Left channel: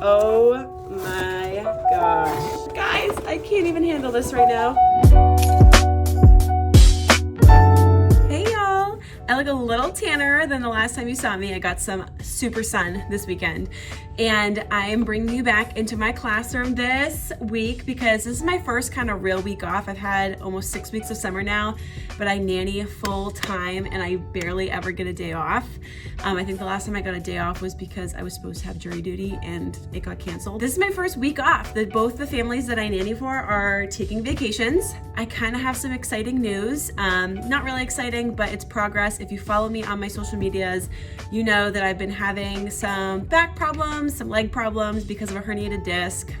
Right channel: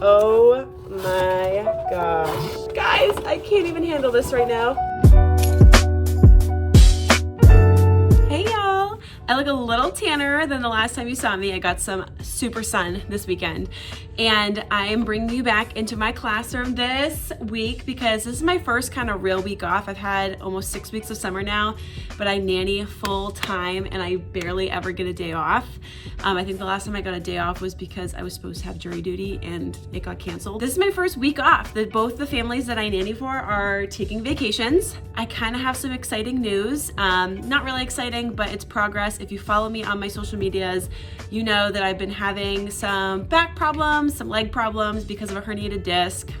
Oh my gosh. Guys, I can't even handle this right now. Hey y'all. I look a little tanner than the last time you saw me. I got some super sun this weekend. And I am bringing you back into my classroom this week because this is my first kind of real week off. I've had almost 6 weeks of summer now, but I nanny full time and I barely ever get a day off. I think the last time I got a day off was because I was supposed to have jury duty and it got canceled. This is my first week off. Both the families that I nanny for are taking vacations. I kind of have some exciting news. Not really exciting, but it's progress. If you follow me on my social medias, you know that I've been having some back problems, some leg problems because of a herniated disc.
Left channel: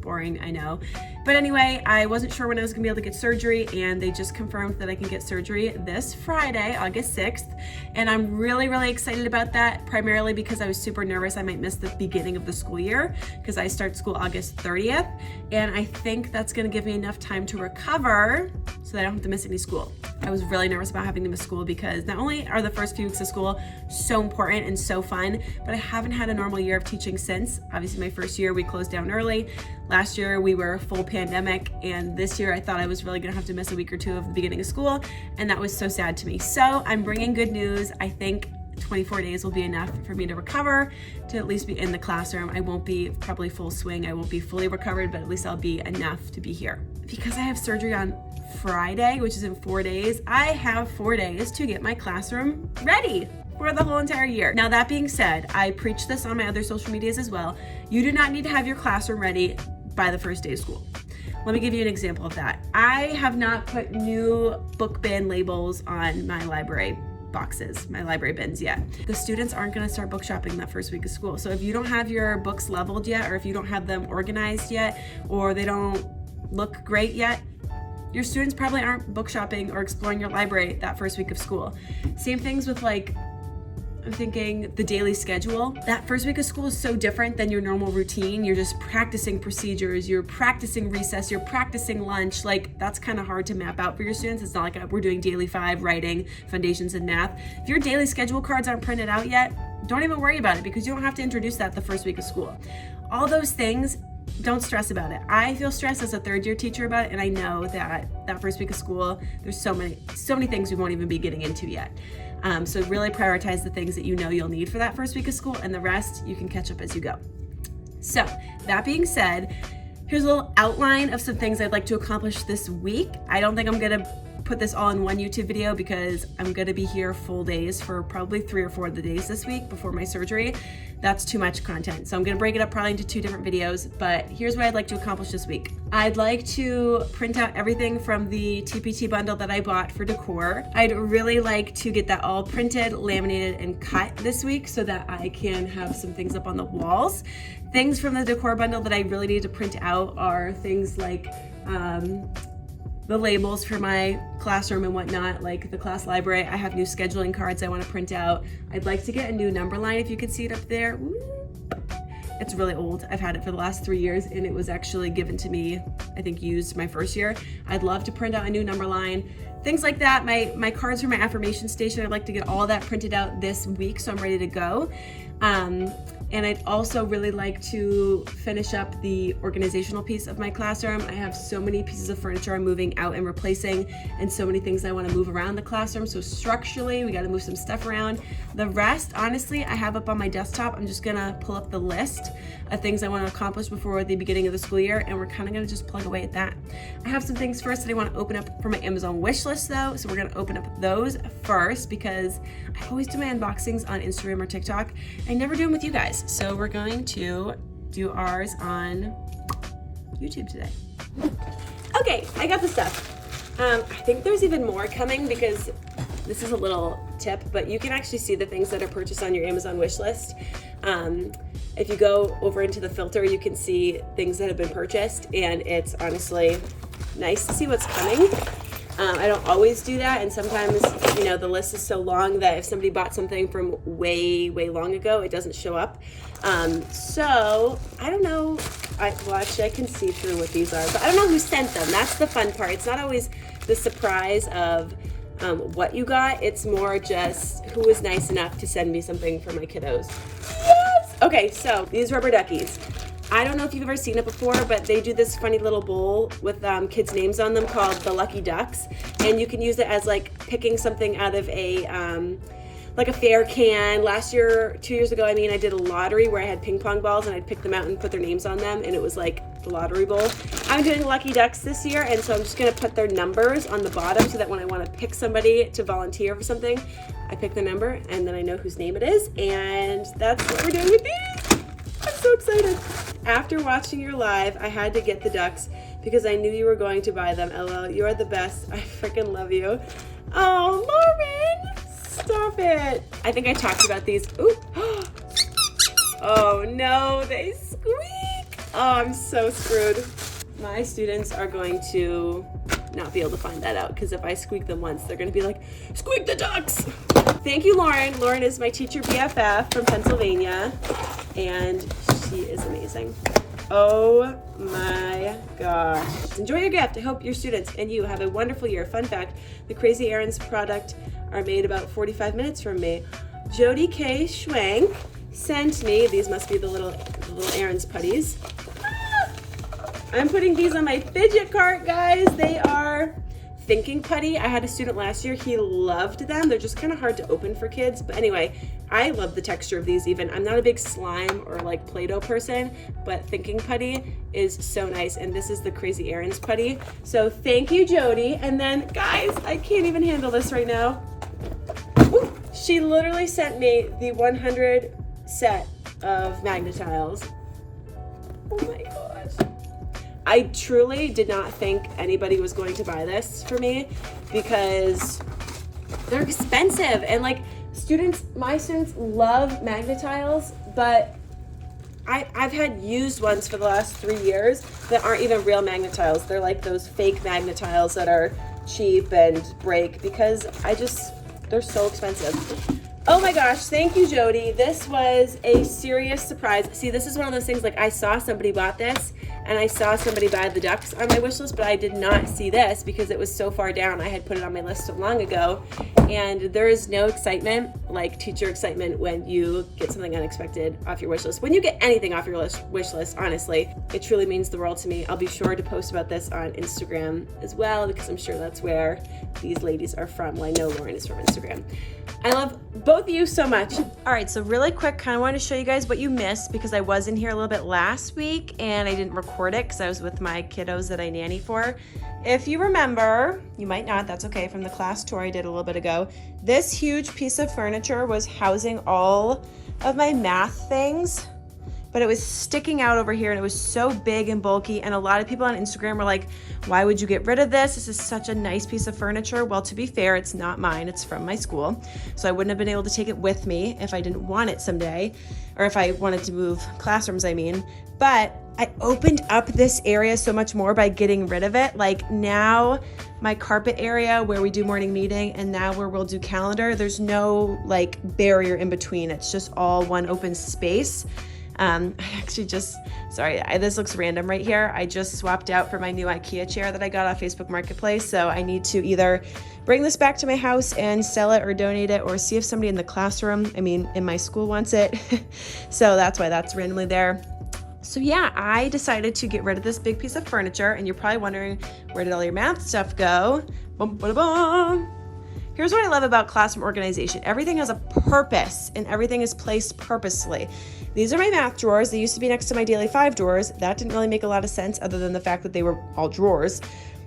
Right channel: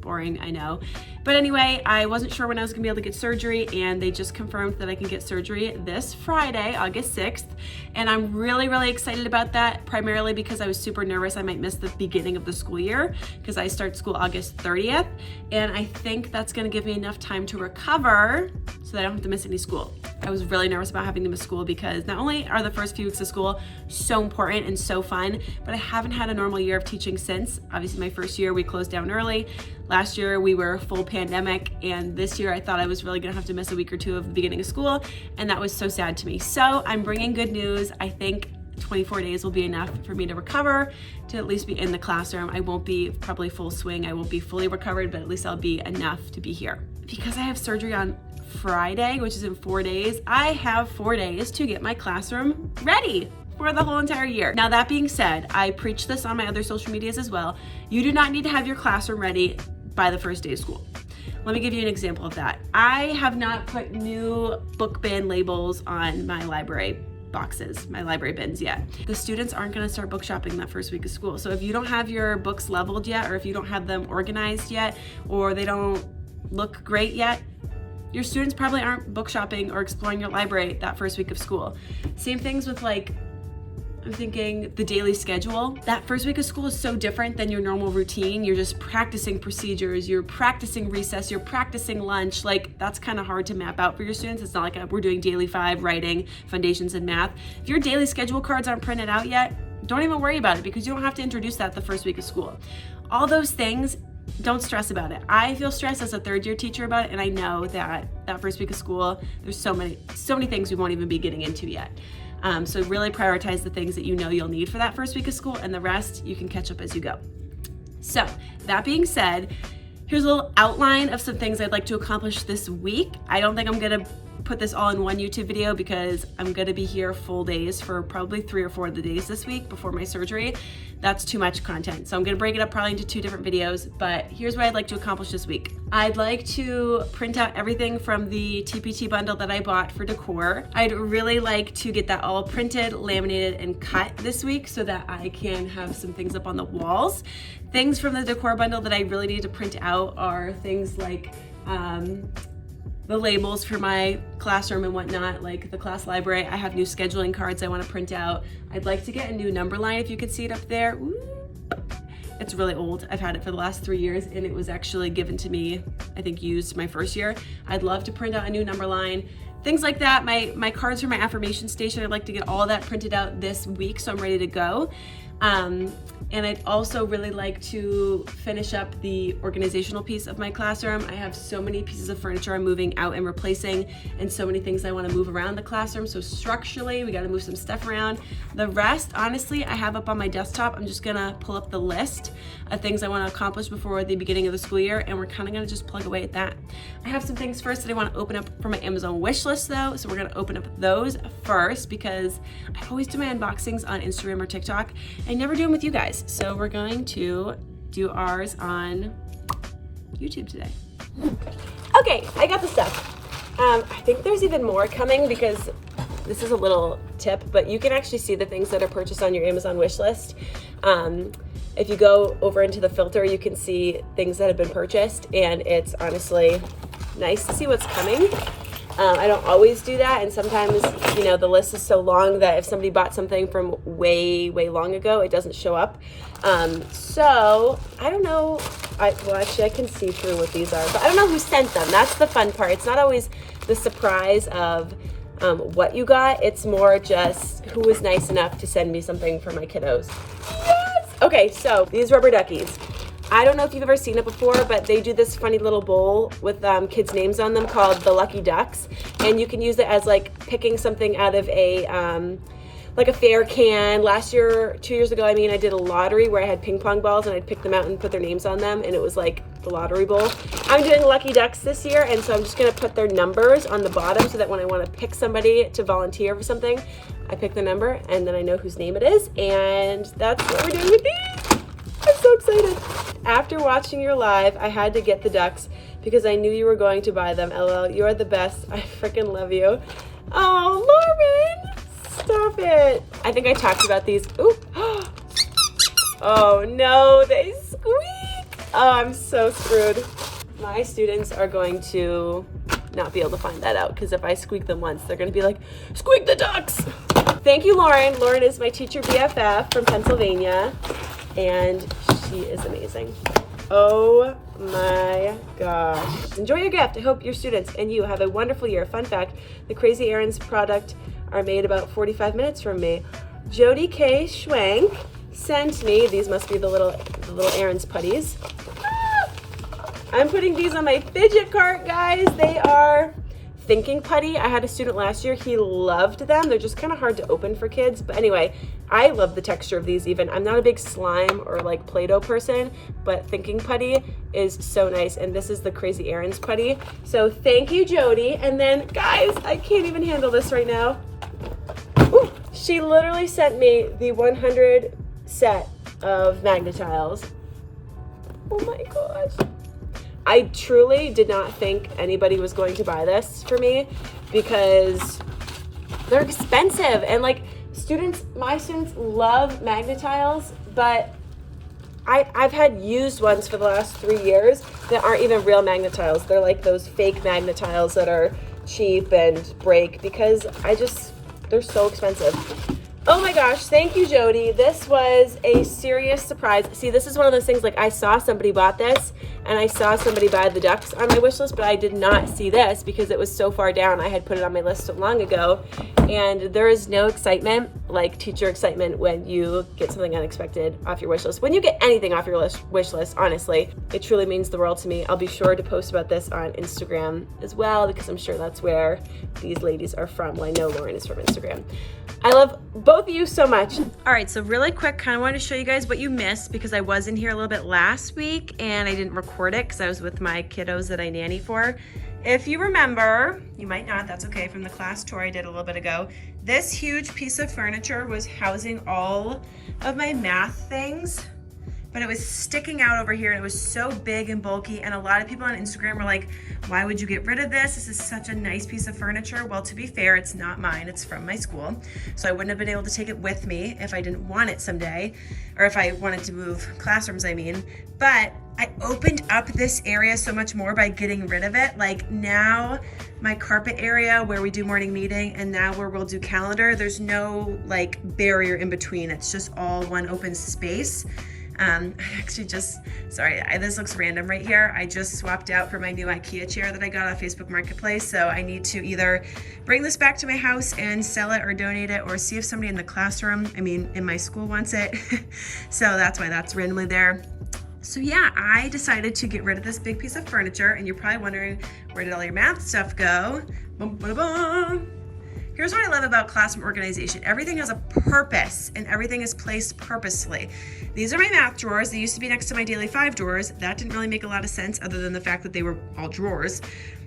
Boring, I know. But anyway, I wasn't sure when I was gonna be able to get surgery, and they just confirmed that I can get surgery this Friday, August 6th. And I'm really, really excited about that, primarily because I was super nervous I might miss the beginning of the school year because I start school August 30th. And I think that's gonna give me enough time to recover so that I don't have to miss any school. I was really nervous about having to miss school because not only are the first few weeks of school so important and so fun, but I haven't had a normal year of teaching since. Obviously my first year we closed down early. Last year we were full pandemic, and this year I thought I was really gonna have to miss a week or two of the beginning of school, and that was so sad to me. So I'm bringing good news. I think 24 days will be enough for me to recover, to at least be in the classroom. I won't be probably full swing. I won't be fully recovered, but at least I'll be enough to be here. Because I have surgery on Friday, which is in 4 days, I have 4 days to get my classroom ready for the whole entire year. Now that being said, I preach this on my other social medias as well. You do not need to have your classroom ready by the first day of school. Let me give you an example of that. I have not put new book bin labels on my library boxes, my library bins yet. The students aren't gonna start book shopping that first week of school. So if you don't have your books leveled yet, or if you don't have them organized yet, or they don't look great yet, your students probably aren't book shopping or exploring your library that first week of school. Same things with I'm thinking the daily schedule. That first week of school is so different than your normal routine. You're just practicing procedures, you're practicing recess, you're practicing lunch. That's kind of hard to map out for your students. It's not like we're doing daily 5, writing, foundations, and math. If your daily schedule cards aren't printed out yet, don't even worry about it because you don't have to introduce that the first week of school. All those things, don't stress about it. I feel stressed as a third-year teacher about it, and I know that first week of school, there's so many things we won't even be getting into yet. So really prioritize the things that you know you'll need for that first week of school, and the rest you can catch up as you go. So that being said, here's a little outline of some things I'd like to accomplish this week. I don't think I'm gonna put this all in one YouTube video because I'm gonna be here full days for probably 3 or 4 of the days this week before my surgery. That's too much content. So I'm gonna break it up probably into 2 different videos, but here's what I'd like to accomplish this week. I'd like to print out everything from the TPT bundle that I bought for decor. I'd really like to get that all printed, laminated, and cut this week so that I can have some things up on the walls. Things from the decor bundle that I really need to print out are things like the labels for my classroom and whatnot, like the class library. I have new scheduling cards I want to print out. I'd like to get a new number line, if you can see it up there. Ooh. It's really old. I've had it for the last 3 years, and it was actually given to me, I think used my first year. I'd love to print out a new number line. Things like that. My cards for my affirmation station, I'd like to get all of that printed out this week so I'm ready to go. And I'd also really like to finish up the organizational piece of my classroom. I have so many pieces of furniture I'm moving out and replacing, and so many things I want to move around the classroom. So structurally, we got to move some stuff around. The rest, honestly, I have up on my desktop. I'm just gonna pull up the list of things I want to accomplish before the beginning of the school year, and we're kind of gonna just plug away at that. I have some things first that I want to open up for my Amazon wish list though, so we're gonna open up those first because I always do my unboxings on Instagram or TikTok. I never do them with you guys, so we're going to do ours on YouTube today. Okay, I got the stuff. I think there's even more coming because this is a little tip, but you can actually see the things that are purchased on your Amazon wish list. If you go over into the filter, you can see things that have been purchased, and it's honestly nice to see what's coming. I don't always do that, and sometimes, the list is so long that if somebody bought something from way, way long ago, it doesn't show up. So I don't know. Well, actually, I can see through what these are, but I don't know who sent them. That's the fun part. It's not always the surprise of what you got. It's more just who was nice enough to send me something for my kiddos. Yes! Okay, so these rubber duckies. I don't know if you've ever seen it before, but they do this funny little bowl with kids' names on them called the Lucky Ducks. And you can use it as like picking something out of a, like a fair can. Last year, 2 years ago, I did a lottery where I had ping pong balls and I'd pick them out and put their names on them. And it was like the lottery bowl. I'm doing Lucky Ducks this year. And so I'm just going to put their numbers on the bottom so that when I want to pick somebody to volunteer for something, I pick the number and then I know whose name it is. And that's what we're doing with these. I'm so excited. After watching your live, I had to get the ducks because I knew you were going to buy them. LOL, you are the best. I freaking love you. Oh, Lauren, stop it. I think I talked about these. Ooh. Oh no, they squeak. Oh, I'm so screwed. My students are going to not be able to find that out because if I squeak them once, they're going to be like, squeak the ducks. Thank you, Lauren. Lauren is my teacher BFF from Pennsylvania, and she is amazing. Oh my gosh. Enjoy your gift. I hope your students and you have a wonderful year. Fun fact, the Crazy Errands product are made about 45 minutes from me. Jody K. Schwank sent me, these must be the little errands putties. I'm putting these on my fidget cart, guys. They are thinking putty. I had a student last year, he loved them. They're just kind of hard to open for kids. But anyway, I love the texture of these even. I'm not a big slime or like Play-Doh person, but thinking putty is so nice. And this is the Crazy Errands putty. So thank you, Jody. And then guys, I can't even handle this right now. Ooh, she literally sent me the 100 set of Magnetiles. Oh my gosh. I truly did not think anybody was going to buy this for me because they're expensive. And like my students love Magnetiles, but I've had used ones for the last 3 years that aren't even real Magnetiles. They're like those fake Magnetiles that are cheap and break because they're so expensive. Oh my gosh, thank you, Jody. This was a serious surprise. See, this is one of those things, like I saw somebody bought this and I saw somebody buy the ducks on my wish list, but I did not see this because it was so far down. I had put it on my list so long ago. And there is no excitement like teacher excitement when you get something unexpected off your wish list. When you get anything off your wish list, honestly, it truly means the world to me. I'll be sure to post about this on Instagram as well because I'm sure that's where these ladies are from. Well, I know Lauren is from Instagram. I love both of you so much. All right, so really quick, kind of wanted to show you guys what you missed because I was in here a little bit last week and I didn't record it because I was with my kiddos that I nanny for. If you remember, you might not, that's okay, from the class tour I did a little bit ago, this huge piece of furniture was housing all of my math things, but it was sticking out over here and it was so big and bulky, and a lot of people on Instagram were like, why would you get rid of this? This is such a nice piece of furniture. Well, to be fair, it's not mine, it's from my school. So I wouldn't have been able to take it with me if I didn't want it someday, or if I wanted to move classrooms, I mean. But I opened up this area so much more by getting rid of it. Like now my carpet area where we do morning meeting and now where we'll do calendar, there's no like barrier in between. It's just all one open space. I actually this looks random right here. I just swapped out for my new IKEA chair that I got off Facebook Marketplace. So I need to either bring this back to my house and sell it or donate it or see if somebody in the classroom, in my school wants it. So that's why that's randomly there. So yeah, I decided to get rid of this big piece of furniture, and you're probably wondering, where did all your math stuff go? Bum, ba, da, bum. Here's what I love about classroom organization. Everything has a purpose and everything is placed purposely. These are my math drawers. They used to be next to my daily 5 drawers. That didn't really make a lot of sense other than the fact that they were all drawers.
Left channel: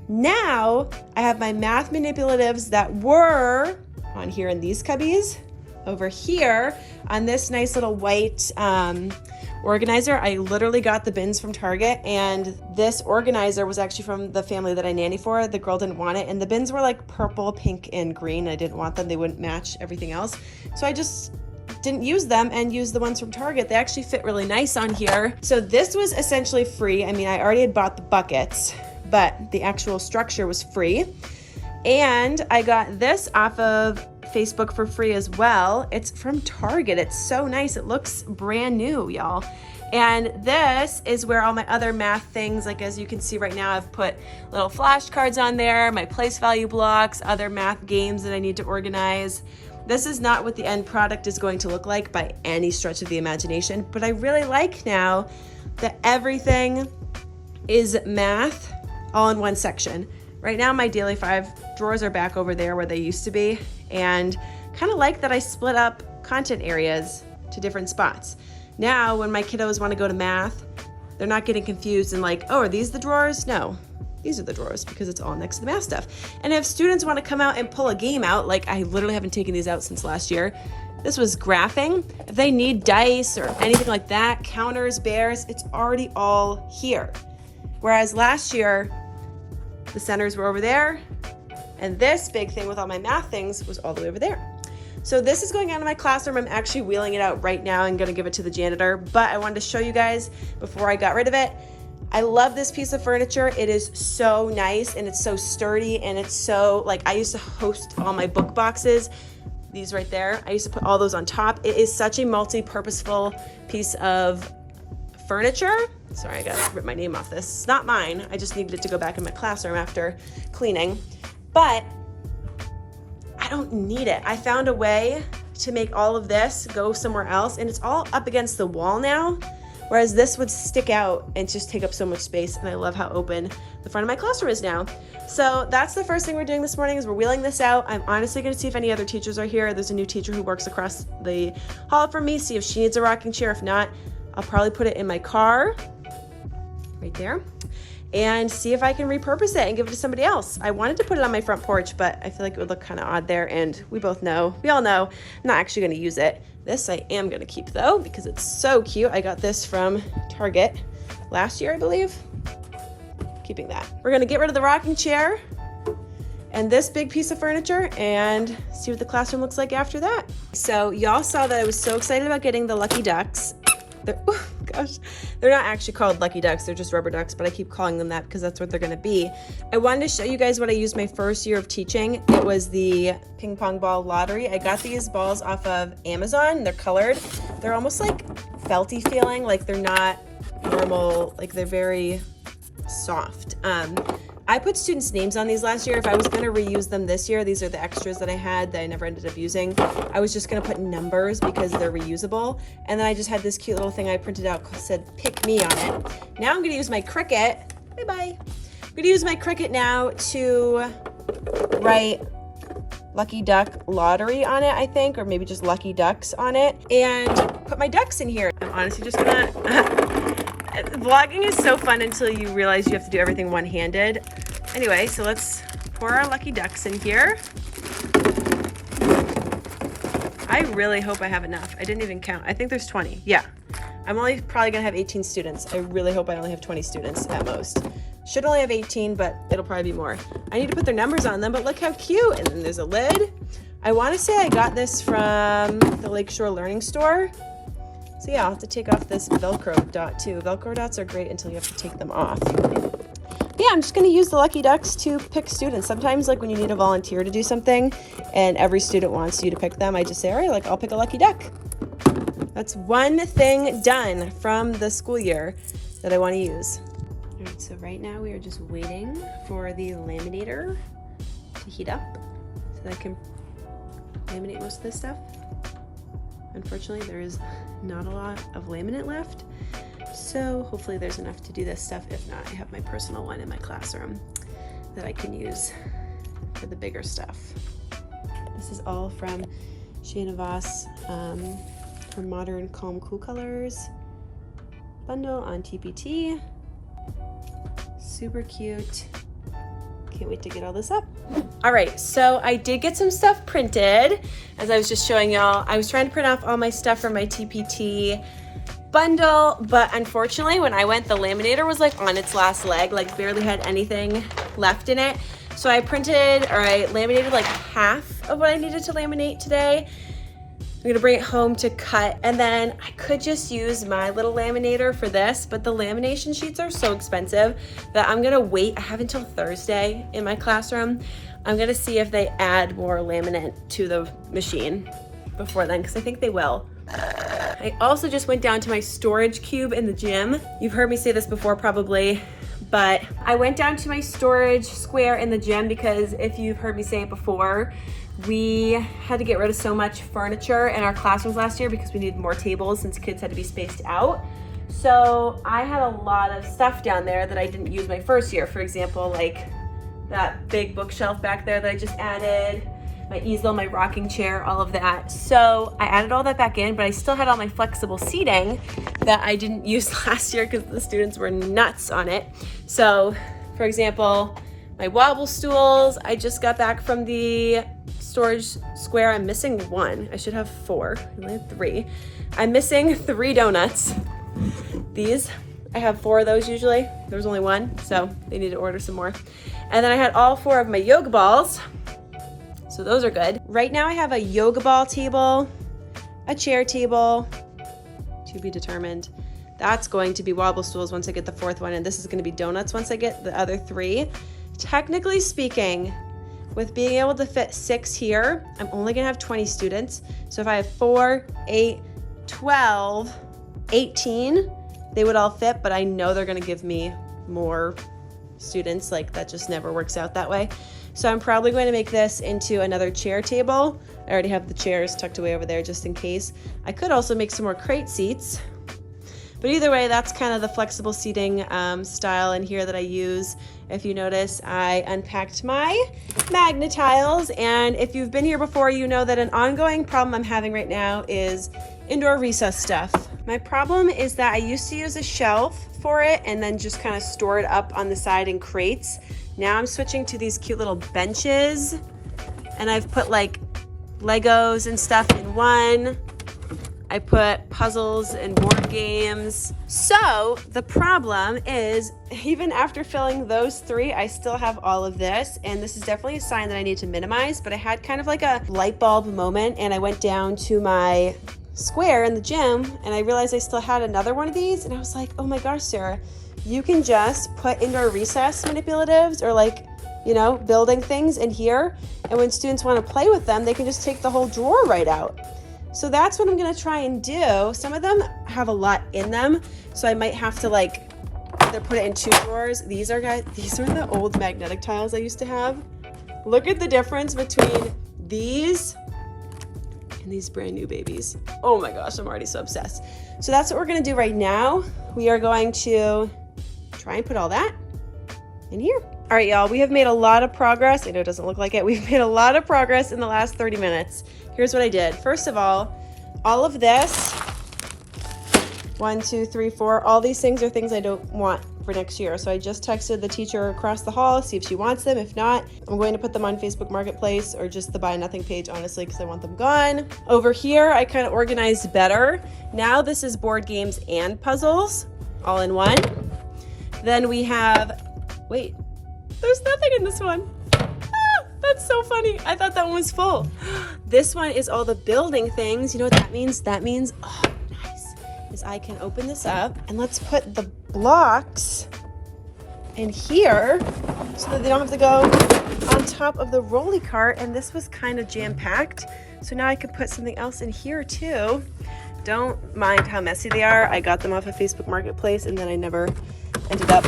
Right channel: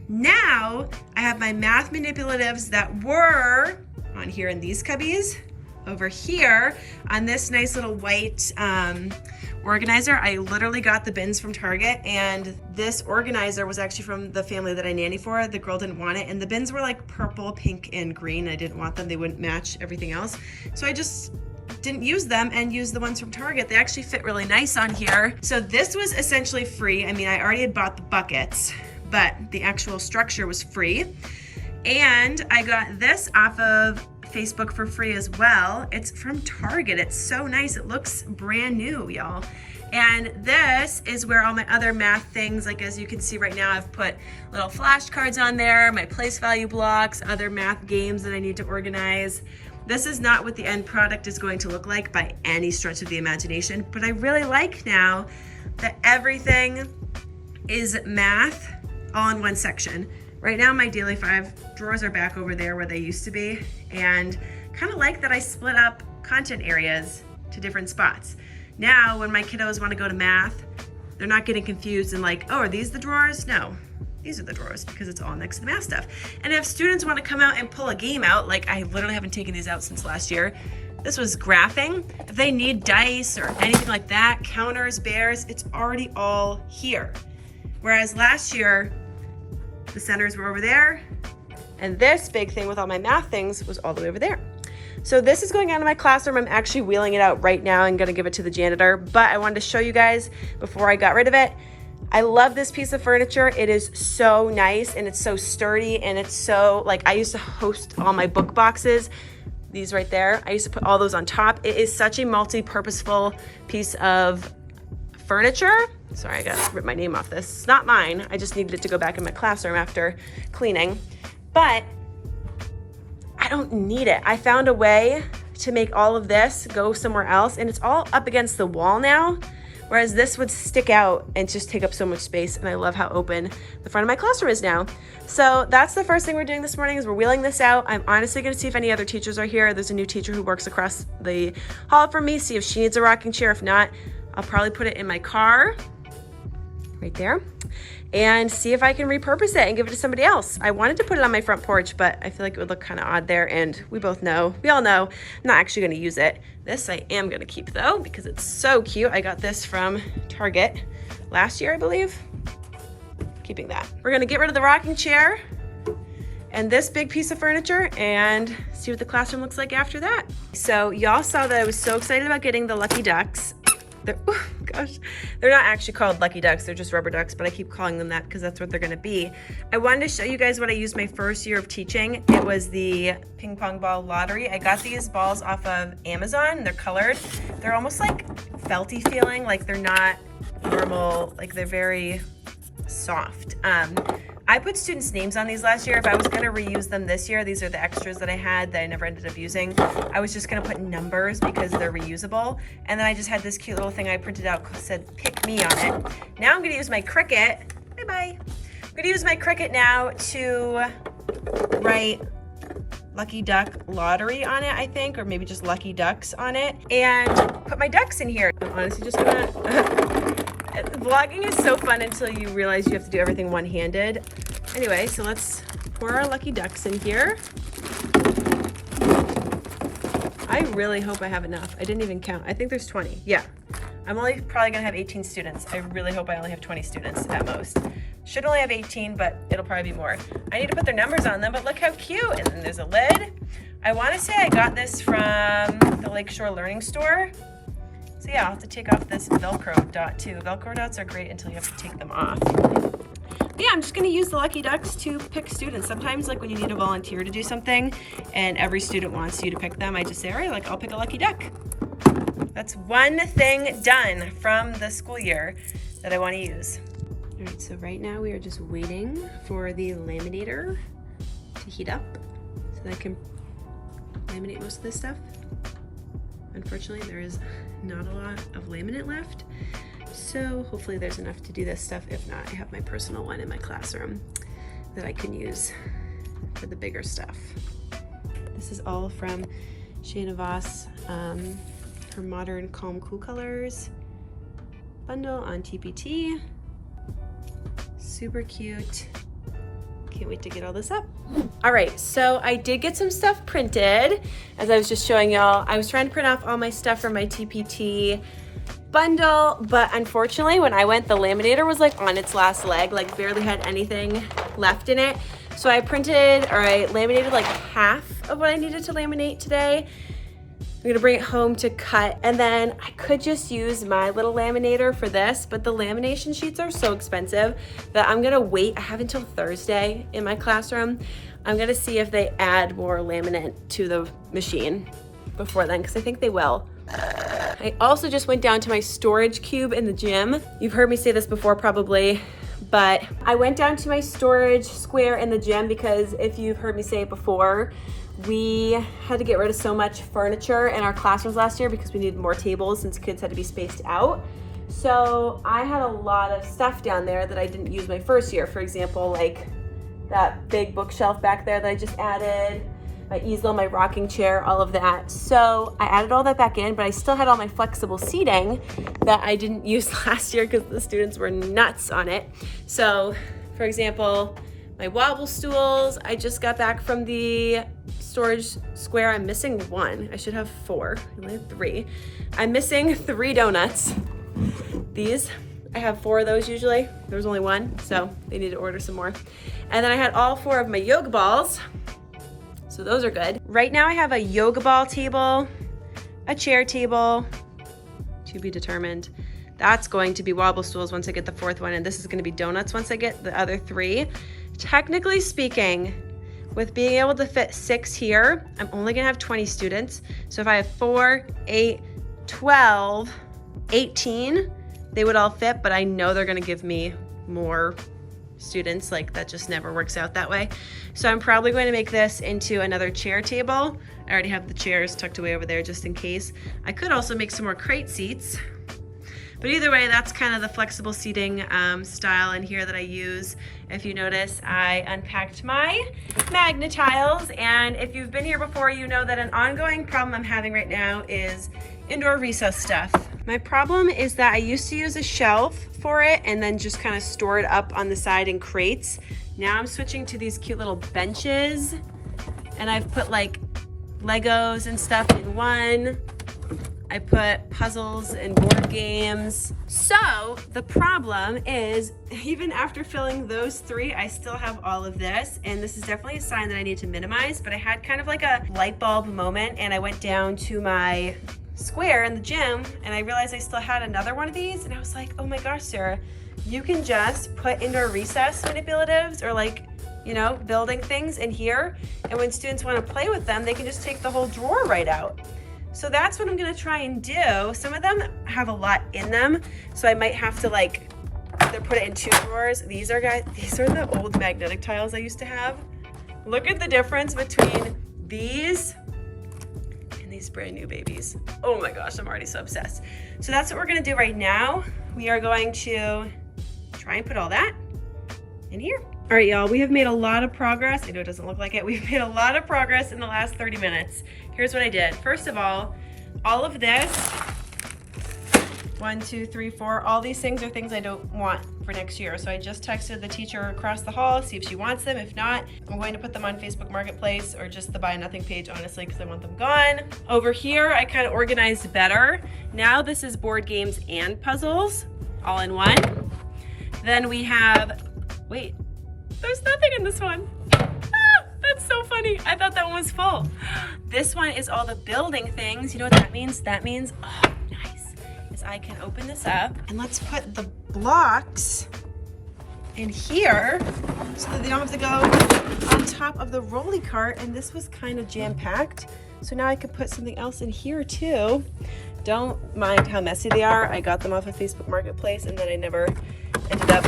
Now I have my math manipulatives that were on here in these cubbies, over here on this nice little white organizer. I literally got the bins from Target, and this organizer was actually from the family that I nanny for. The girl didn't want it, and the bins were like purple, pink, and green. I didn't want them. They wouldn't match everything else. So I just didn't use them and used the ones from Target. They actually fit really nice on here. So this was essentially free. I already had bought the buckets, but the actual structure was free. And I got this off of Facebook for free as well. It's from Target. It's so nice. It looks brand new, y'all. And this is where all my other math things, like as you can see right now, I've put little flashcards on there, my place value blocks, other math games that I need to organize. This is not what the end product is going to look like by any stretch of the imagination, but I really like now that everything is math all in one section. Right now my Daily 5 drawers are back over there where they used to be, and kind of like that I split up content areas to different spots. Now when my kiddos want to go to math, they're not getting confused and like, oh, are these the drawers? No, these are the drawers because it's all next to the math stuff. And if students want to come out and pull a game out, like I literally haven't taken these out since last year. This was graphing. If they need dice or anything like that, counters, bears, it's already all here. Whereas last year, the centers were over there, and this big thing with all my math things was all the way over there. So this is going on in my classroom. I'm actually wheeling it out right now and gonna give it to the janitor, but I wanted to show you guys before I got rid of it. I love this piece of furniture. It is so nice and it's so sturdy, and it's so, like, I used to host all my book boxes, these right there. I used to put all those on top. It is such a multi-purposeful piece of furniture. Sorry, I gotta rip my name off this. It's not mine. I just needed it to go back in my classroom after cleaning. But I don't need it. I found a way to make all of this go somewhere else, and it's all up against the wall now, whereas this would stick out and just take up so much space, and I love how open the front of my classroom is now. So that's the first thing we're doing this morning, is we're wheeling this out. I'm honestly gonna see if any other teachers are here. There's a new teacher who works across the hall from me, see if she needs a rocking chair. If not, I'll probably put it in my car, right there, and see if I can repurpose it and give it to somebody else. I wanted to put it on my front porch, but I feel like it would look kind of odd there, and we all know, I'm not actually gonna use it. This I am gonna keep though, because it's so cute. I got this from Target last year, I believe. Keeping that. We're gonna get rid of the rocking chair and this big piece of furniture and see what the classroom looks like after that. So y'all saw that I was so excited about getting the Lucky Ducks. Oh gosh, they're not actually called Lucky Ducks, they're just rubber ducks, but I keep calling them that because that's what they're gonna be. I wanted to show you guys what I used my first year of teaching. It was the ping pong ball lottery. I got these balls off of Amazon. They're colored. They're almost like felty feeling, like they're not normal, like they're very soft. I put students' names on these last year. If I was gonna reuse them this year, these are the extras that I had that I never ended up using. I was just gonna put numbers because they're reusable. And then I just had this cute little thing I printed out that said pick me on it. Now I'm gonna use my Cricut. Bye-bye. I'm gonna use my Cricut now to write Lucky Duck Lottery on it, I think, or maybe just Lucky Ducks on it, and put my ducks in here. I'm honestly just gonna, vlogging is so fun until you realize you have to do everything one-handed. Anyway, so let's pour our Lucky Ducks in here. I really hope I have enough. I didn't even count. I think there's 20. Yeah. I'm only probably gonna have 18 students. I really hope I only have 20 students at most. Should only have 18, but it'll probably be more. I need to put their numbers on them, but look how cute. And then there's a lid. I wanna say I got this from the Lakeshore Learning Store. So yeah, I'll have to take off this Velcro dot too. Velcro dots are great until you have to take them off. Yeah, I'm just gonna use the Lucky Ducks to pick students. Sometimes like when you need a volunteer to do something and every student wants you to pick them, I just say, all right, like I'll pick a Lucky Duck. That's one thing done from the school year that I wanna use. All right, so right now we are just waiting for the laminator to heat up so that I can laminate most of this stuff. Unfortunately, there is not a lot of laminate left, so hopefully there's enough to do this stuff. If not, I have my personal one in my classroom that I can use for the bigger stuff. This is all from Shana Voss, her Modern Calm Cool Colors bundle on TPT. Super cute. Can't wait to get all this up. All right, so I did get some stuff printed. As I was just showing y'all, I was trying to print off all my stuff from my TPT bundle, but unfortunately when I went, the laminator was like on its last leg, like barely had anything left in it. So I laminated like half of what I needed to laminate today. I'm gonna bring it home to cut, and then I could just use my little laminator for this, but the lamination sheets are so expensive that I'm gonna wait. I have until Thursday in my classroom. I'm gonna see if they add more laminate to the machine before then, because I think they will. I also just went down to my storage cube in the gym. You've heard me say this before probably, but I went down to my storage square in the gym because if you've heard me say it before, We had to get rid of so much furniture in our classrooms last year because we needed more tables since kids had to be spaced out. So I had a lot of stuff down there that I didn't use my first year. For example, like that big bookshelf back there that I just added, my easel, my rocking chair, all of that. So I added all that back in, but I still had all my flexible seating that I didn't use last year because the students were nuts on it. So for example, my wobble stools, I just got back from the storage square. I'm missing one. I should have 4. I only have 3. I'm missing 3 donuts. These, I have 4 of those usually. There was only 1, so they need to order some more. And then I had all 4 of my yoga balls. So those are good. Right now I have a yoga ball table, a chair table, to be determined. That's going to be wobble stools once I get the 4th one, and this is gonna be donuts once I get the other 3. Technically speaking, with being able to fit 6 here, I'm only gonna have 20 students. So if I have 4, 8, 12, 18, they would all fit, but I know they're gonna give me more students. Like, that just never works out that way. So I'm probably going to make this into another chair table. I already have the chairs tucked away over there just in case. I could also make some more crate seats. But either way, that's kind of the flexible seating style in here that I use. If you notice, I unpacked my magnet tiles, and if you've been here before, you know that an ongoing problem I'm having right now is indoor recess stuff. My problem is that I used to use a shelf for it and then just kind of store it up on the side in crates. Now I'm switching to these cute little benches, and I've put like Legos and stuff in one. I put puzzles and board games. So the problem is, even after filling those 3, I still have all of this, and this is definitely a sign that I need to minimize, but I had kind of like a light bulb moment, and I went down to my square in the gym and I realized I still had another one of these, and I was like, oh my gosh, Sarah, you can just put indoor recess manipulatives or like, you know, building things in here, and when students want to play with them, they can just take the whole drawer right out. So that's what I'm gonna try and do. Some of them have a lot in them, so I might have to like either put it in 2 drawers. These are the old magnetic tiles I used to have. Look at the difference between these and these brand new babies. Oh my gosh, I'm already so obsessed. So that's what we're gonna do right now. We are going to try and put all that in here. All right, y'all, we have made a lot of progress. I know it doesn't look like it. We've made a lot of progress in the last 30 minutes. Here's what I did. First of all of this, 1, 2, 3, 4, all these things are things I don't want for next year. So I just texted the teacher across the hall, see if she wants them. If not, I'm going to put them on Facebook Marketplace or just the Buy Nothing page, honestly, because I want them gone. Over here, I kind of organized better. Now this is board games and puzzles all in one. Then we have, wait, there's nothing in this one. Ah, that's so funny. I thought that one was full. This one is all the building things. You know what that means? That means, oh, nice, is I can open this up and let's put the blocks in here so that they don't have to go on top of the rolly cart. And this was kind of jam-packed. So now I could put something else in here too. Don't mind how messy they are. I got them off of Facebook Marketplace and then I never ended up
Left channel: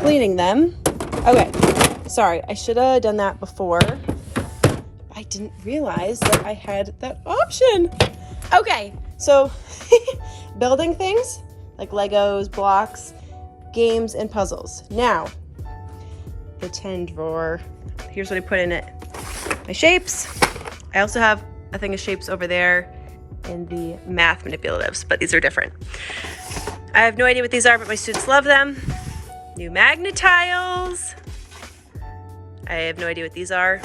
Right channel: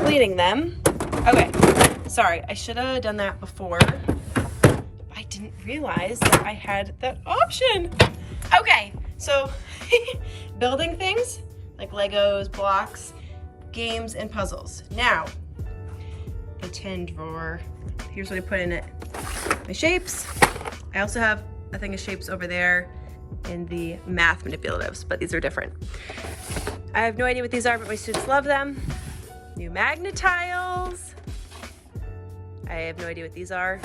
cleaning them. Okay, sorry, I should have done that before. I didn't realize that I had that option. Okay, so building things like Legos, blocks, games, and puzzles. Now, the 10 drawer. Here's what I put in it. My shapes. I also have a thing of shapes over there and the math manipulatives, but these are different. I have no idea what these are, but my students love them. New magnet tiles. I have no idea what these are,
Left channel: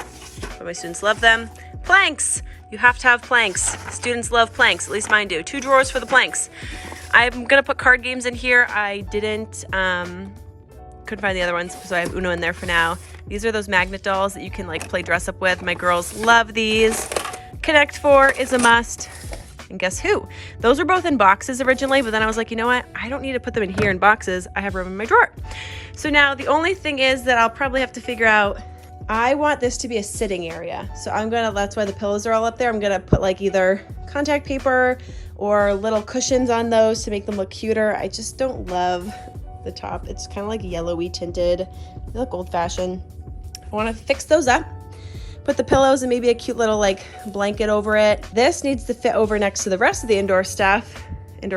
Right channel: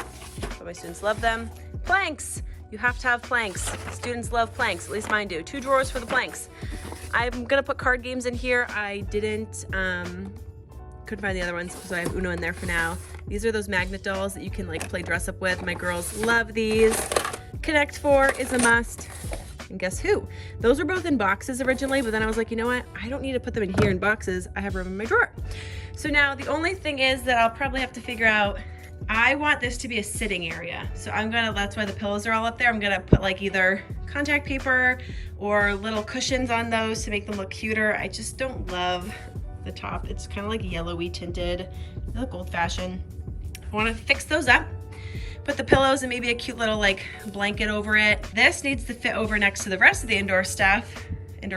but my students love them. Planks. You have to have planks. Students love planks, at least mine do. 2 drawers for the planks. I'm gonna put card games in here. I didn't, couldn't find the other ones, so I have Uno in there for now. These are those magnet dolls that you can like play dress up with. My girls love these. Connect 4 is a must. And guess who? Those were both in boxes originally, but then I was like, you know what? I don't need to put them in here in boxes. I have room in my drawer. So now the only thing is that I'll probably have to figure out, I want this to be a sitting area. So that's why the pillows are all up there. I'm gonna put like either contact paper or little cushions on those to make them look cuter. I just don't love the top. It's kind of like yellowy tinted. They look old fashioned. I wanna fix those up. Put put the pillows and maybe a cute little like blanket over it. This needs to fit over next to the rest of the indoor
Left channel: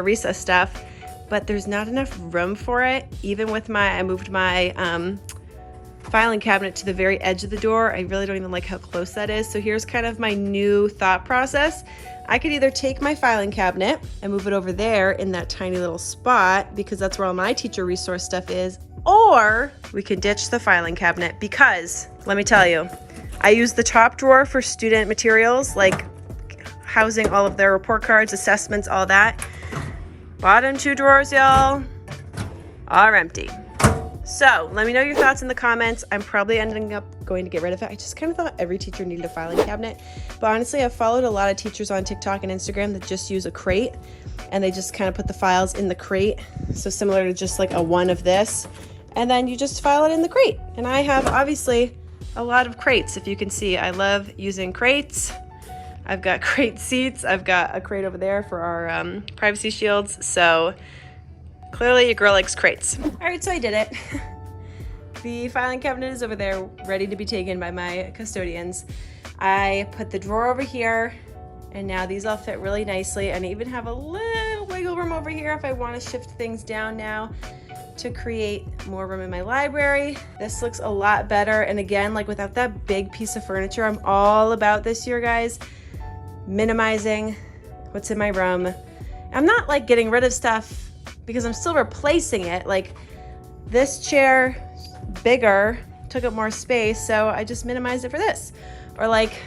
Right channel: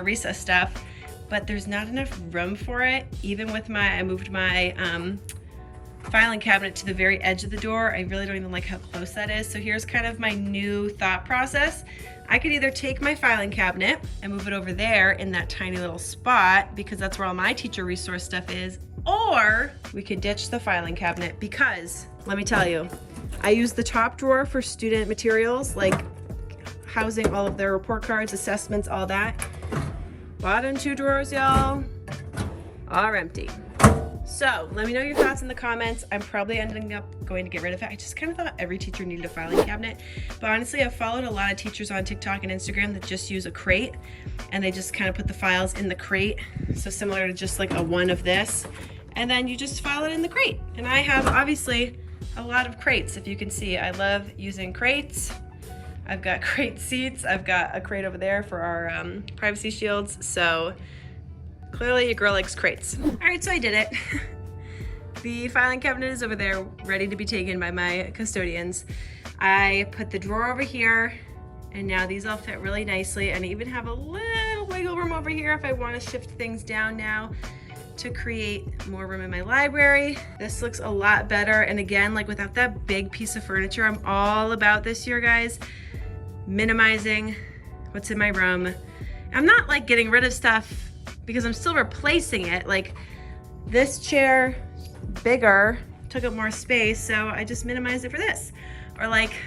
recess stuff, but there's not enough room for it. Even with I moved my filing cabinet to the very edge of the door. I really don't even like how close that is. So here's kind of my new thought process. I could either take my filing cabinet and move it over there in that tiny little spot because that's where all my teacher resource stuff is, or we can ditch the filing cabinet because, let me tell you, I use the top drawer for student materials, like housing all of their report cards, assessments, all that. Bottom two drawers, y'all, are empty. So let me know your thoughts in the comments. I'm probably ending up going to get rid of it. I just kind of thought every teacher needed a filing cabinet. But honestly, I've followed a lot of teachers on TikTok and Instagram that just use a crate and they just kind of put the files in the crate. So similar to just like a one of this. And then you just file it in the crate. And I have obviously a lot of crates. If you can see, I love using crates. I've got crate seats. I've got a crate over there for our privacy shields. So clearly your girl likes crates. All right, so I did it. The filing cabinet is over there ready to be taken by my custodians. I put the drawer over here and now these all fit really nicely, and I even have a little wiggle room over here if I want to shift things down now to create more room in my library. This looks a lot better, and again, like without that big piece of furniture, I'm all about this year, guys, minimizing what's in my room. I'm not like getting rid of stuff because I'm still replacing it. Like this chair, bigger, took up more space, so I just minimized it for this. Or like,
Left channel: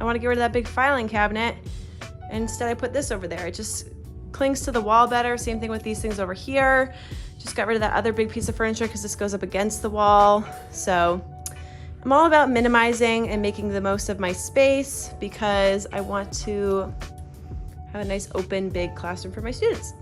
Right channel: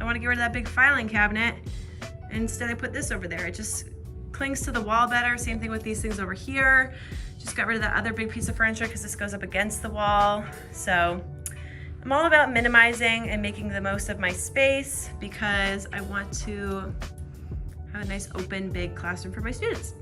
I want to get rid of that big filing cabinet, and instead I put this over there. It just clings to the wall better. Same thing with these things over here. Just got rid of that other big piece of furniture because this goes up against the wall. So I'm all about minimizing and making the most of my space because I want to have a nice open big classroom for my students.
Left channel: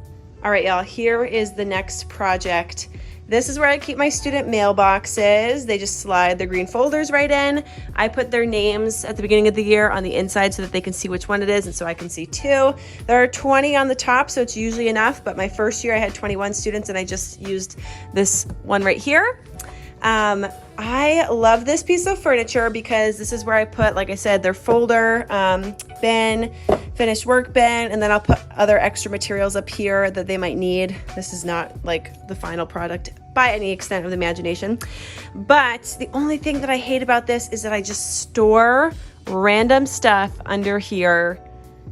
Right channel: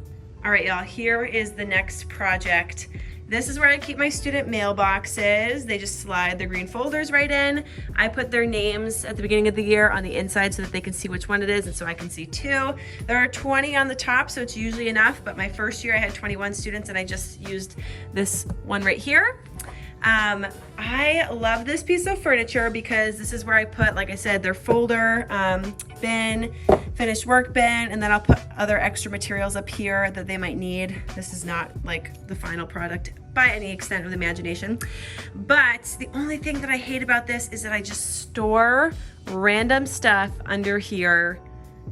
All right, y'all, here is the next project. This is where I keep my student mailboxes. They just slide their green folders right in. I put their names at the beginning of the year on the inside so that they can see which one it is, and so I can see too. There are 20 on the top, so it's usually enough, but my first year I had 21 students and I just used this one right here. I love this piece of furniture because this is where I put, like I said, their folder, bin, finished work bin, and then I'll put other extra materials up here that they might need. This is not like the final product by any extent of the imagination. But the only thing that I hate about this is that I just store random stuff under here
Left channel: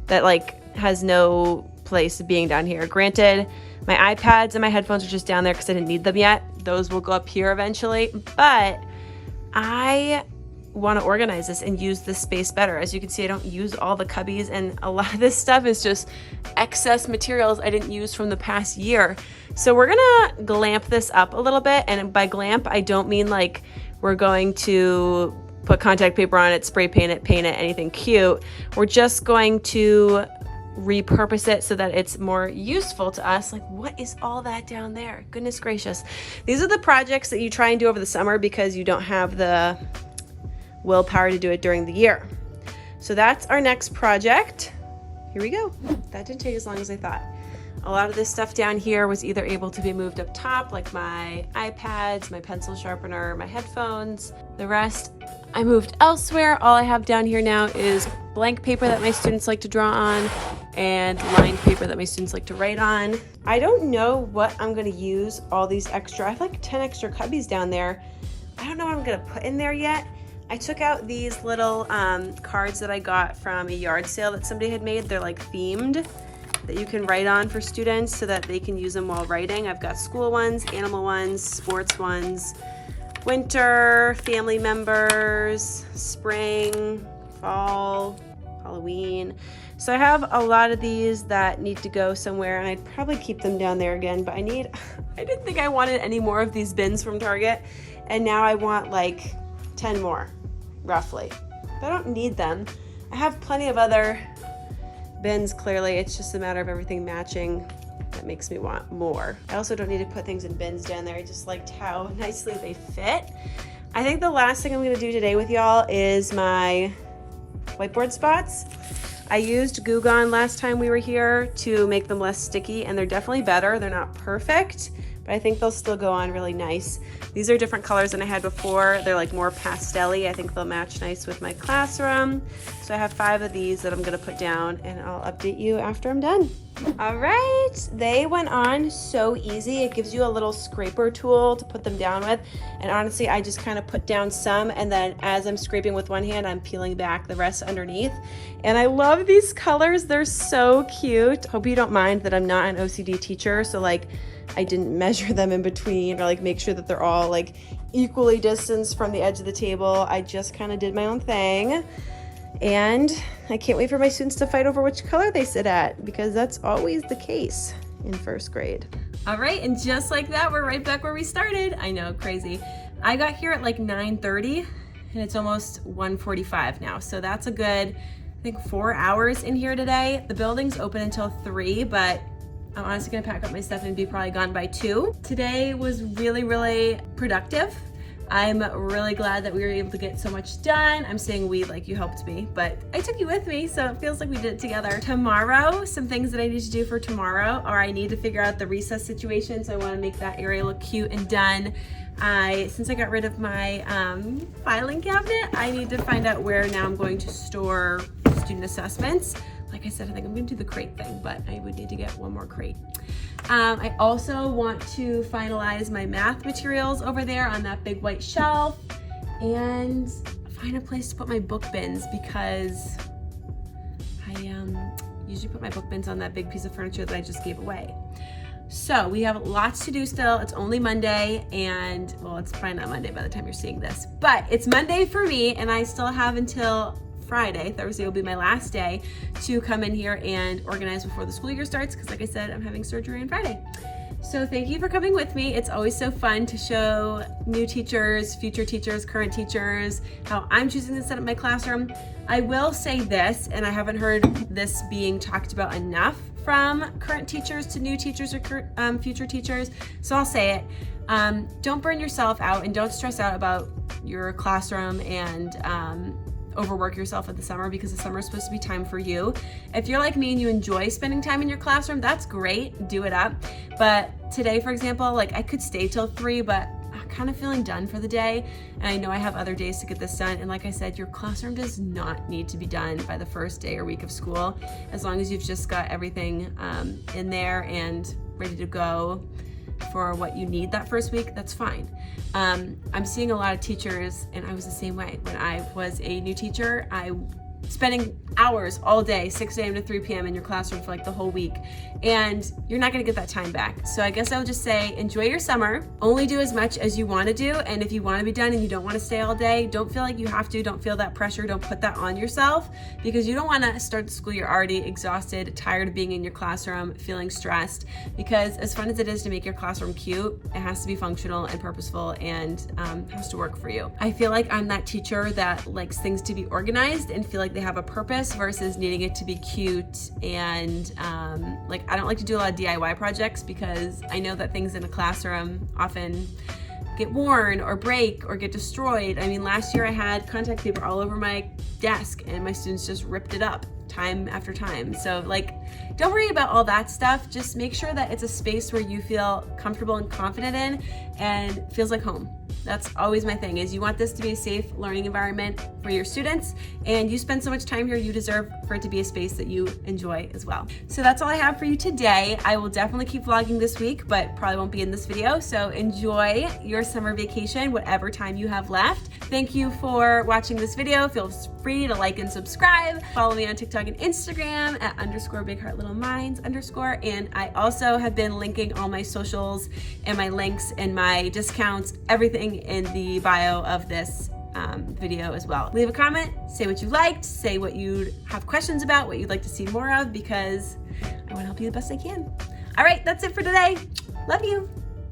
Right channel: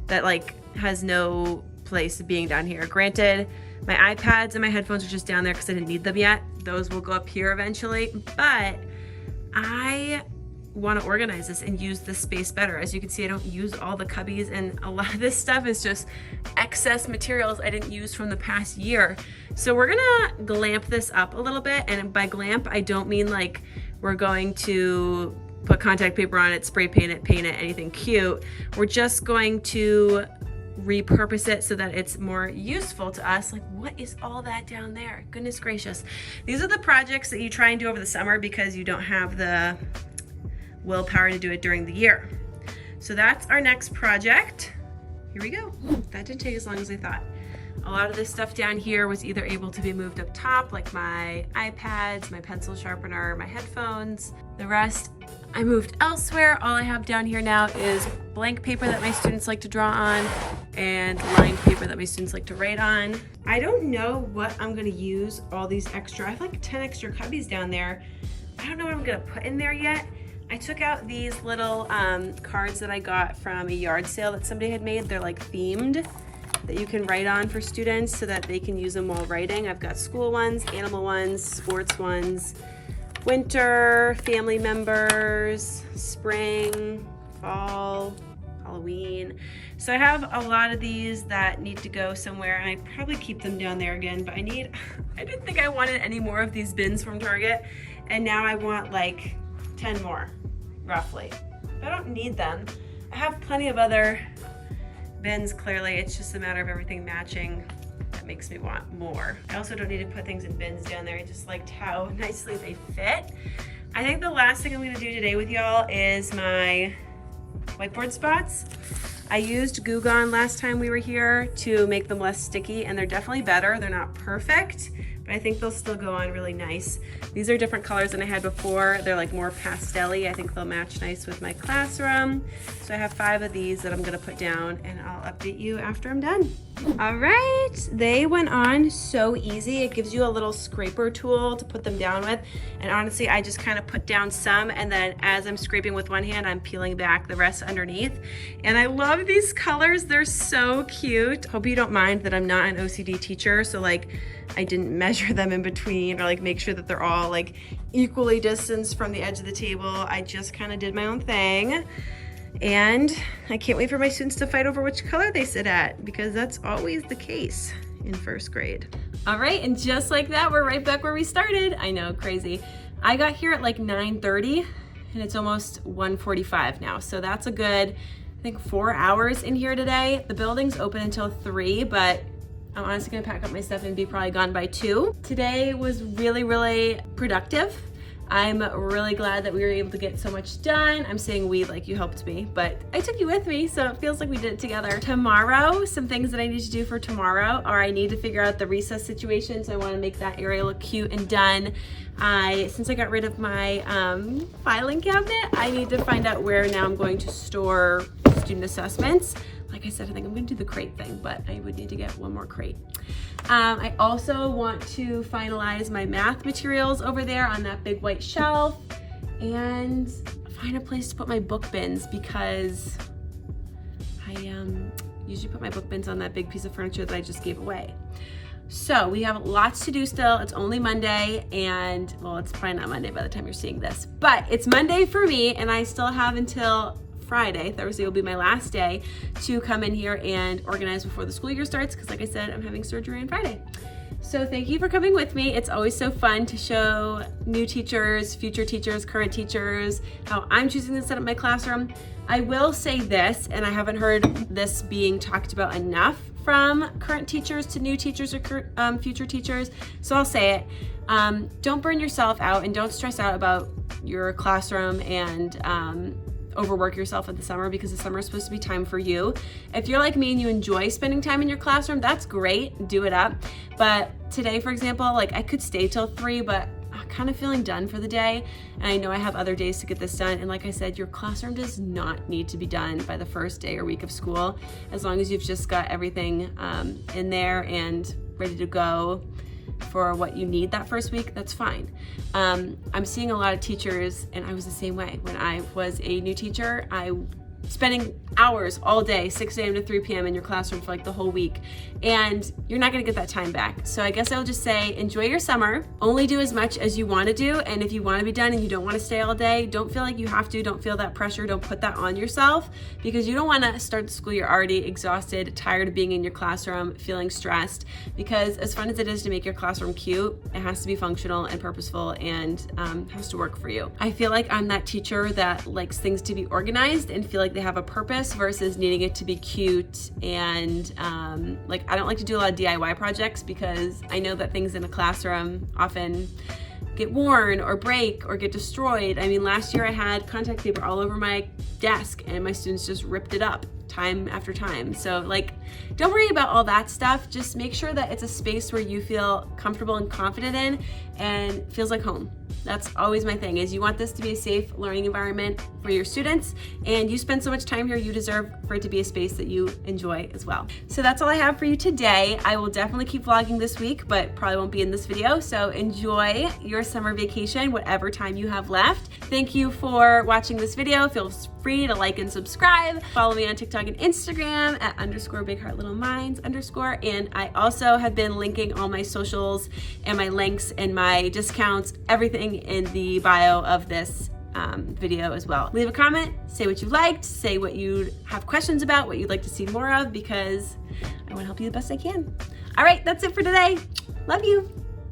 that like has no place being down here. Granted, my iPads and my headphones are just down there because I didn't need them yet. Those will go up here eventually, but I want to organize this and use this space better. As you can see, I don't use all the cubbies, and a lot of this stuff is just excess materials I didn't use from the past year. So we're gonna glamp this up a little bit, and by glamp, I don't mean like we're going to put contact paper on it, spray paint it, anything cute. We're just going to repurpose it so that it's more useful to us. Like, what is all that down there? Goodness gracious. These are the projects that you try and do over the summer because you don't have the willpower to do it during the year. So that's our next project. Here we go. That didn't take as long as I thought. A lot of this stuff down here was either able to be moved up top, like my iPads, my pencil sharpener, my headphones. The rest I moved elsewhere. All I have down here now is blank paper that my students like to draw on and lined paper that my students like to write on. I don't know what I'm gonna use all these extra, I have like 10 extra cubbies down there. I don't know what I'm gonna put in there yet. I took out these little cards that I got from a yard sale that somebody had made. They're like themed, that you can write on for students so that they can use them while writing. I've got school ones, animal ones, sports ones, winter, family members, spring, fall, Halloween. So I have a lot of these that need to go somewhere, and I'd probably keep them down there again, but I didn't think I wanted any more of these bins from Target, and now I want like 10 more, roughly. I don't need them. I have plenty of other bins, clearly. It's just a matter of everything matching that makes me want more. I also don't need to put things in bins down there. I just liked how nicely they fit. I think the last thing I'm gonna do today with y'all is my whiteboard spots. I used Goo Gone last time we were here to make them less sticky, and they're definitely better. They're not perfect, but I think they'll still go on really nice. These are different colors than I had before. They're like more pastel-y. I think they'll match nice with my classroom. So I have 5 of these that I'm gonna put down, and I'll update you after I'm done. All right, they went on so easy. It gives you a little scraper tool to put them down with. And honestly, I just kind of put down some, and then as I'm scraping with one hand, I'm peeling back the rest underneath. And I love these colors. They're so cute. Hope you don't mind that I'm not an OCD teacher. So like, I didn't measure them in between or like make sure that they're all like equally distanced from the edge of the table. I just kind of did my own thing. And I can't wait for my students to fight over which color they sit at, because that's always the case in first grade. All right, and just like that, we're right back where we started. I know, crazy. I got here at like 9:30 and it's almost 1:45 now. So that's a good, I think 4 hours in here today. The building's open until 3, but I'm honestly gonna pack up my stuff and be probably gone by 2. Today was really, really productive. I'm really glad that we were able to get so much done. I'm saying we like you helped me, but I took you with me, so it feels like we did it together. Tomorrow, some things that I need to do for tomorrow are I need to figure out the recess situation, so I wanna make that area look cute and done. Since I got rid of my filing cabinet, I need to find out where now I'm going to store student assessments. Like I said, I think I'm gonna do the crate thing, but I would need to get one more crate. I also want to finalize my math materials over there on that big white shelf and find a place to put my book bins, because I usually put my book bins on that big piece of furniture that I just gave away. So we have lots to do still. It's only Monday, and well, it's probably not Monday by the time you're seeing this, but it's Monday for me, and I still have until Friday. Thursday will be my last day to come in here and organize before the school year starts, because like I said, I'm having surgery on Friday. So thank you for coming with me. It's always so fun to show new teachers, future teachers, current teachers, how I'm choosing to set up my classroom. I will say this, and I haven't heard this being talked about enough from current teachers to new teachers or future teachers, so I'll say it. Don't burn yourself out, and don't stress out about your classroom and overwork yourself at the summer, because the summer is supposed to be time for you. If you're like me and you enjoy spending time in your classroom, that's great, do it up. But today, for example, like I could stay till 3, but I'm kind of feeling done for the day. And I know I have other days to get this done. And like I said, your classroom does not need to be done by the first day or week of school. As long as you've just got everything in there and ready to go for what you need that first week, that's fine. I'm seeing a lot of teachers, and I was the same way. When I was a new teacher, spending hours all day, 6 a.m. to 3 p.m. in your classroom for like the whole week. And you're not gonna get that time back. So I guess I'll just say, enjoy your summer. Only do as much as you wanna do. And if you wanna be done and you don't wanna stay all day, don't feel like you have to, don't feel that pressure, don't put that on yourself, because you don't wanna start the school year already exhausted, tired of being in your classroom, feeling stressed. Because as fun as it is to make your classroom cute, it has to be functional and purposeful and has to work for you. I feel like I'm that teacher that likes things to be organized and feel like they have a purpose versus needing it to be cute. And like, I don't like to do a lot of DIY projects, because I know that things in a classroom often get worn or break or get destroyed. I mean, last year I had contact paper all over my desk and my students just ripped it up time after time. So like, don't worry about all that stuff. Just make sure that it's a space where you feel comfortable and confident in and feels like home. That's always my thing, is you want this to be a safe learning environment for your students, and you spend so much time here, you deserve for it to be a space that you enjoy as well. So that's all I have for you today. I will definitely keep vlogging this week, but probably won't be in this video. So enjoy your summer vacation, whatever time you have left. Thank you for watching this video. Feel free to like and subscribe. Follow me on TikTok and Instagram at @BigHeartLittleMinds_. And I also have been linking all my socials and my links and my discounts, everything in the bio of this video as well. Leave a comment, say what you liked, say what you have questions about, what you'd like to see more of, because I want to help you the best I can. All right, that's it for today. Love you.